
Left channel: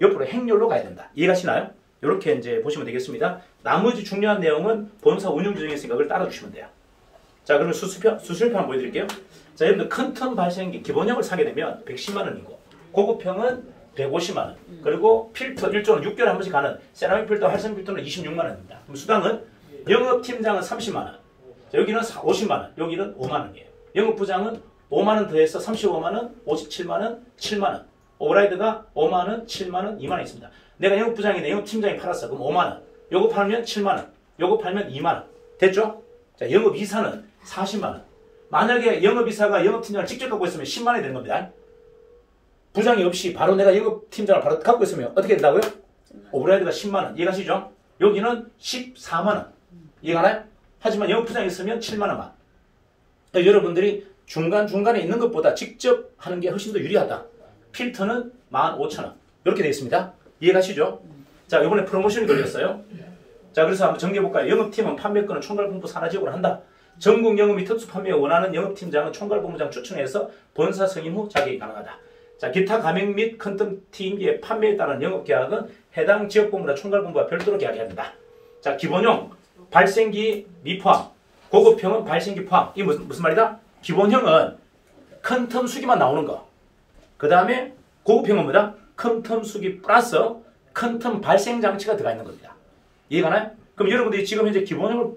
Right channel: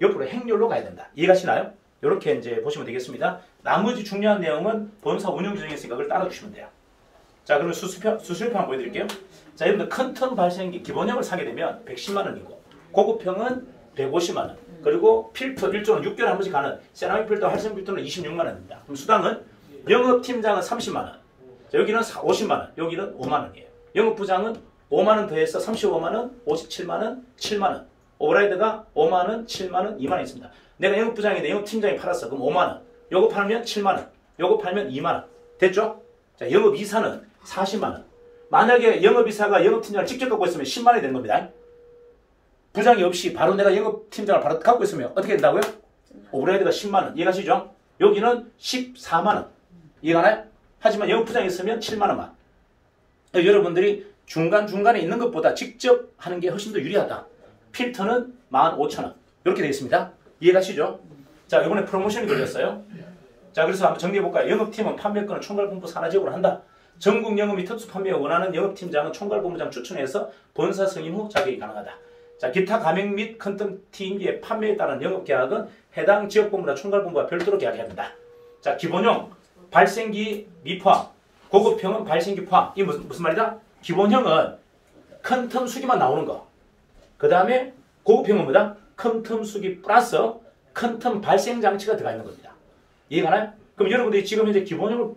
옆으로 행렬로 가야 된다. 이해가시나요? 이렇게 이제 보시면 되겠습니다. 나머지 중요한 내용은 본사 운영 규정에 있으니까 그걸 따라주시면 돼요. 자, 그럼 수수료 한번 보여드릴게요. 자, 여러분들 큰 텀 발생기 기본형을 사게 되면 110만 원이고 고급형은 150만 원. 그리고 필터 1조는 6개월에 한 번씩 가는 세라믹 필터, 활성 필터는 26만 원입니다. 그럼 수당은 영업팀장은 30만 원. 자, 여기는 50만 원. 여기는 5만 원이에요. 영업부장은 5만 원 더해서 35만 원, 57만 원, 7만 원. 오버라이드가 5만 원, 7만 원, 2만 원 있습니다. 내가 영업부장인데 영업팀장이 팔았어. 그럼 5만 원. 요거 팔면 7만 원. 요거 팔면 2만 원. 됐죠? 자, 영업이사는 40만 원. 만약에 영업이사가 영업팀장을 직접 갖고 있으면 10만 원이 되는 겁니다. 부장이 없이 바로 내가 영업팀장을 바로 갖고 있으면 어떻게 된다고요? 오버라이드가 10만 원. 이해가시죠? 여기는 14만 원. 이해가나요? 하지만 영업부장이 있으면 7만 원만. 여러분들이 중간중간에 있는 것보다 직접 하는 게 훨씬 더 유리하다. 필터는 15,000원. 이렇게 되겠습니다. 이해가시죠? 자, 이번에 프로모션이 걸렸어요. 자, 그래서 한번 정리해볼까요? 영업팀은 판매권을 총괄본부 산하 지역으로 한다. 전국 영업 및 특수 판매에 원하는 영업팀장은 총괄본부장 추천해서 본사 승인 후 자격이 가능하다. 자, 기타 가맹 및 컨텐츠팀의 판매에 따른 영업계약은 해당 지역본부나 총괄본부와 별도로 계약해야 된다. 자, 기본형, 발생기 미포함, 고급형은 발생기 포함. 이게 무슨 말이다? 기본형은 큰 텀 수기만 나오는 거. 그 다음에 고급형은 뭐다? 큰 텀 수기 플러스 큰 텀 발생 장치가 들어가 있는 겁니다. 이해가 나요? 그럼 여러분들이 지금 현재 기본형을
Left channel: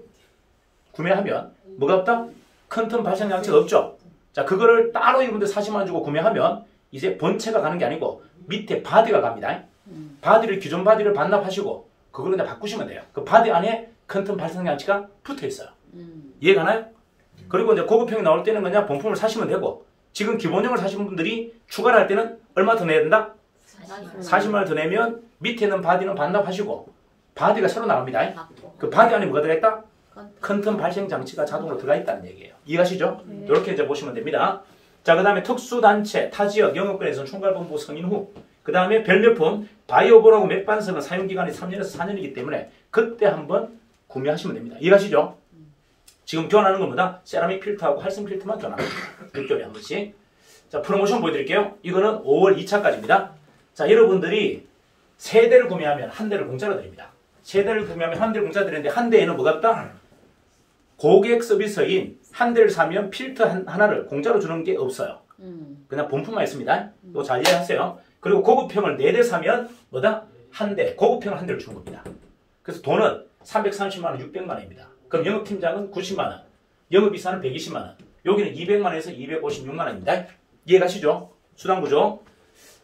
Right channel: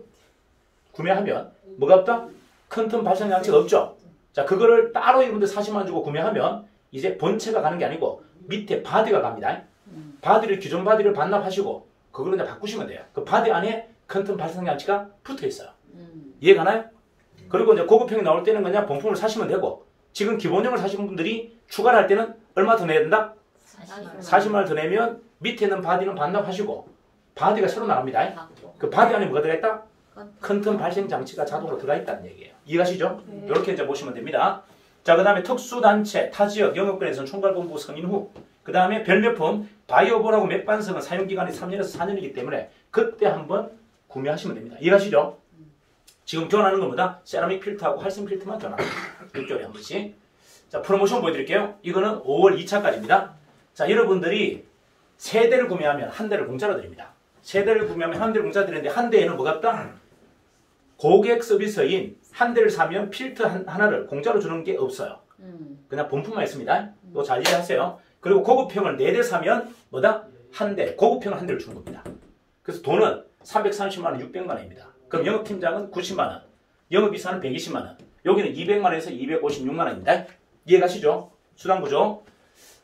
구매하면 뭐가 없다? 큰 텀 발생 장치가 없죠? 자, 그거를 따로 여러분들 40만 원 주고 구매하면 이제 본체가 가는 게 아니고 밑에 바디가 갑니다. 바디를 기존 바디를 반납하시고 그걸 그냥 바꾸시면 돼요. 그 바디 안에 큰 텀 발생 장치가 붙어 있어요. 이해가 나요? 그리고 이제 고급형이 나올 때는 그냥 본품을 사시면 되고 지금 기본형을 사시는 분들이 추가를 할 때는 얼마 더 내야 된다? 40만 원 더 내면 밑에 있는 바디는 반납하시고 바디가 새로 나갑니다. 그 바디 안에 뭐가 들어있다? 큰 틈 발생 장치가 자동으로 들어가 있다는 얘기예요. 이해가시죠? 이렇게 이제 보시면 됩니다. 자, 그 다음에 특수단체, 타지역, 영업권에서는 총괄본부 승인 후, 그 다음에 별매품, 바이오볼하고 맥반석은 사용기간이 3년에서 4년이기 때문에 그때 한번 구매하시면 됩니다. 이해가시죠? 지금 교환하는 건 뭐다? 세라믹 필터하고 활성 필터만 교환합니다. 6개월에 한 번씩. 자, 프로모션 보여드릴게요. 이거는 5월 2차까지입니다. 자, 여러분들이 세 대를 구매하면 한 대를 공짜로 드립니다. 세 대를 구매하면 한 대를 공짜로 드리는데 한 대에는 뭐가 없다? 고객 서비스인 한 대를 사면 필터 하나를 공짜로 주는 게 없어요. 그냥 본품만 있습니다. 이거 잘 이해하세요. 그리고 고급형을 4대 사면 뭐다? 한 대, 고급형을 한 대를 주는 겁니다. 그래서 돈은 330만 원, 600만 원입니다. 그럼 영업팀장은 90만 원, 영업이사는 120만 원, 여기는 200만 원에서 256만 원입니다. 이해가시죠? 수당구조.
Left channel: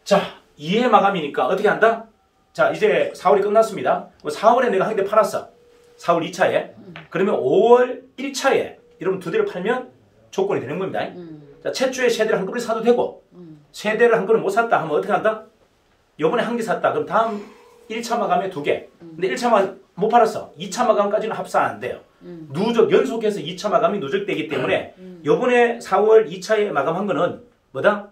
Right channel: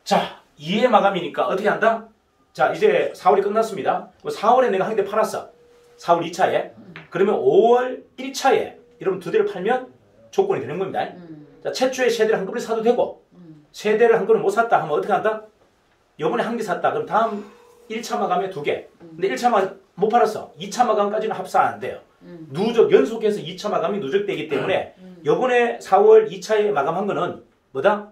자, 2회 마감이니까 어떻게 한다? 자, 이제 4월이 끝났습니다. 4월에 내가 한 대 팔았어. 4월 2차에. 그러면 5월 1차에 여러분 두 대를 팔면 조건이 되는 겁니다. 자, 최초에 세 대를 한꺼번에 사도 되고 세 대를 한꺼번에 못 샀다 하면 어떻게 한다? 요번에 한 개 샀다. 그럼 다음 1차 마감에 두 개. 근데 1차 마감 못 팔았어. 2차 마감까지는 합산 안 돼요. 누적, 연속해서 2차 마감이 누적되기 때문에 요번에 4월 2차에 마감한 거는 뭐다?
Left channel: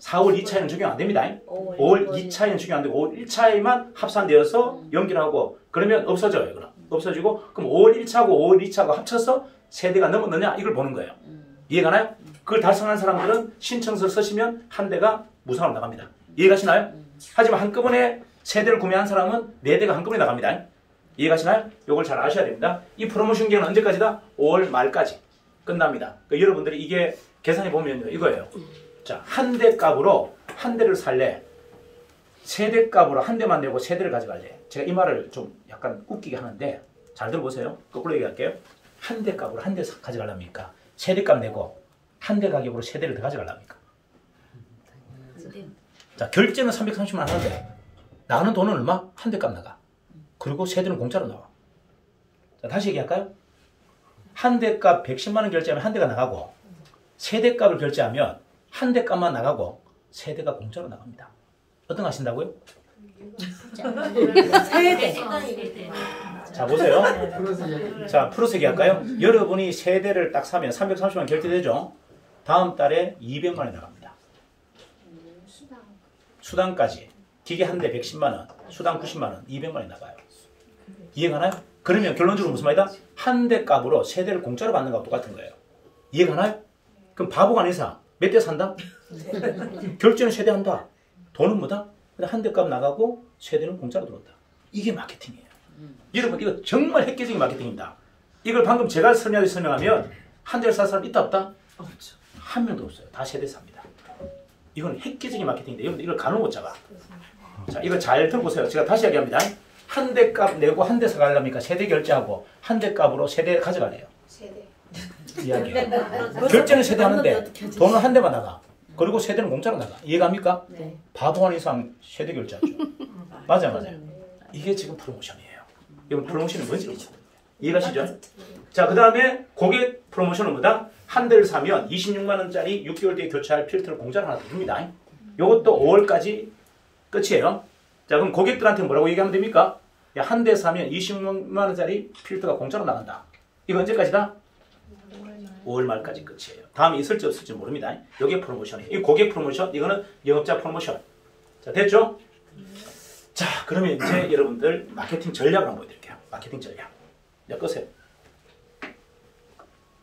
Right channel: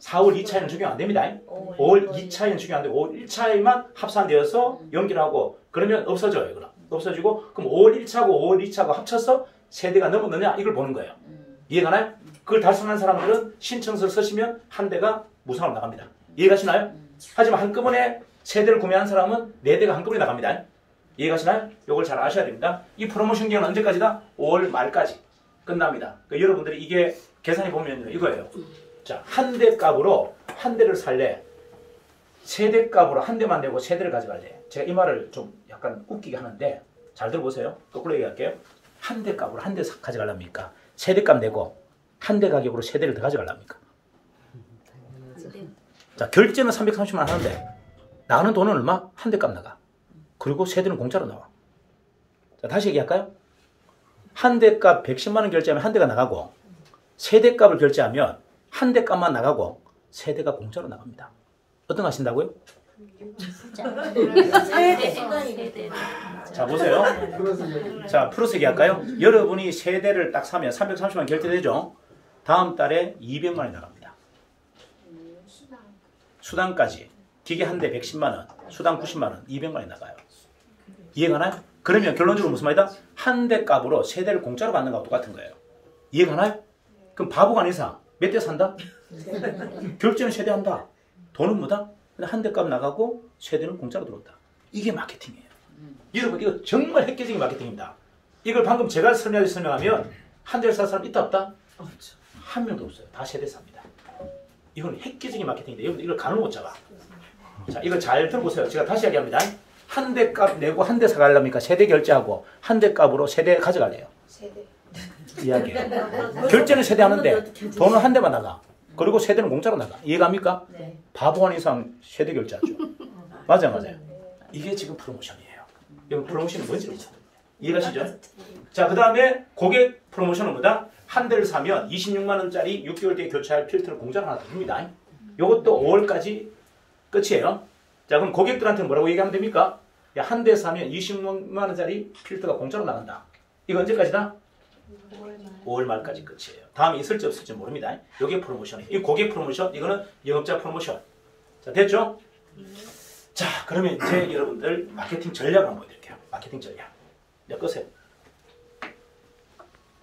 4월 2차에는 적용 안 됩니다. 5월 2차에는 적용 안 되고 5월 1차에만 합산되어서 연결하고 그러면 없어져요. 그럼. 없어지고 그럼 5월 1차하고 5월 2차하고 합쳐서 세대가 넘었느냐 이걸 보는 거예요. 이해가 나요? 그걸 달성한 사람들은 신청서를 쓰시면 한 대가 무상으로 나갑니다. 이해가시나요? 하지만 한꺼번에 세대를 구매한 사람은 4대가 한꺼번에 나갑니다. 이해가시나요? 이걸 잘 아셔야 됩니다. 이 프로모션 기간은 언제까지다? 5월 말까지 끝납니다. 그러니까 여러분들이 이게 계산해 보면요. 이거예요. 자, 한 대 값으로 한 대를 살래? 세 대 값으로 한 대만 내고 세 대를 가져갈래? 제가 이 말을 좀 약간 웃기게 하는데 잘 들어보세요. 거꾸로 얘기할게요. 한 대 값으로 한 대 가져갈랍니까? 세 대 값 내고 한 대 가격으로 세 대를 더 가져갈랍니까? 자, 결제는 330만 원 하는데 나가는 돈은 얼마? 한 대 값 나가. 그리고 세 대는 공짜로 나와. 자, 다시 얘기할까요? 한 대 값 110만 원 결제하면 한 대가 나가고 세 대 값을 결제하면 한 대 값만 나가고 세 대가 공짜로 나갑니다. 어떤 거 하신다고요? 자, 보세요. 자, 플러스 얘기할까요? 여러분이 세 대를 딱 사면 330만 원 결제되죠? 다음 달에 200만 원이 나갑니다. 수당까지. 기계 한 대 110만 원, 수당 90만 원, 200만 원이 나가요. 이해가나요? 그러면 결론적으로 무슨 말이다? 한 대 값으로 세 대를 공짜로 받는 거하고 똑같은 거예요. 이해가나요? 그럼 바보가 아닌 이상 몇 대 산다? 결제는 세 대 한다. 돈은 뭐다? 한 대 값 나가고 세 대는 공짜로 들어온다. 이게 마케팅이에요. 여러분 이거 정말 획기적인 마케팅입니다. 이걸 방금 제가 설명하면 한 대를 살 사람 있다 없다? 없죠. 한 명도 없어요. 다 세 대 삽니다. 이건 획기적인 마케팅인데 여러분 이걸 가늠 못 잡아. 자, 이걸 잘 들어보세요. 제가 다시 이야기합니다. 한 대 값 내고 한 대 사가려니까 세 대 결제하고 한 대 값으로 세 대 가져갈래요. 세 대. 이야기해요. 결제는 세 대 하는데 돈은 한 대만 나가. 그리고 세 대는 공짜로 나가. 이해갑니까? 네. 바보 아닌 이상 세 대 결제하죠. 맞아요. 이게 지금 프로모션이에요. 이건 프로모션이 뭔지 모르겠어요. 이해가시죠? 자, 그 다음에 고객 프로모션은 뭐다? 한 대를 사면 26만 원짜리 6개월 뒤에 교체할 필터를 공짜로 하나 더 줍니다. 이것도 5월까지 끝이에요. 자, 그럼 고객들한테 뭐라고 얘기하면 됩니까? 야, 한 대 사면 26만 원짜리 필터가 공짜로 나간다. 이거 언제까지다? 5월 5월 말까지 끝이에요. 다음에 있을지 없을지 모릅니다. 이게 프로모션이에요. 이 고객 프로모션, 이거는 영업자 프로모션. 자, 됐죠? 자, 그러면 이제 여러분들 마케팅 전략을 한번 보여드릴게요. 마케팅 전략. 자, 끄세요.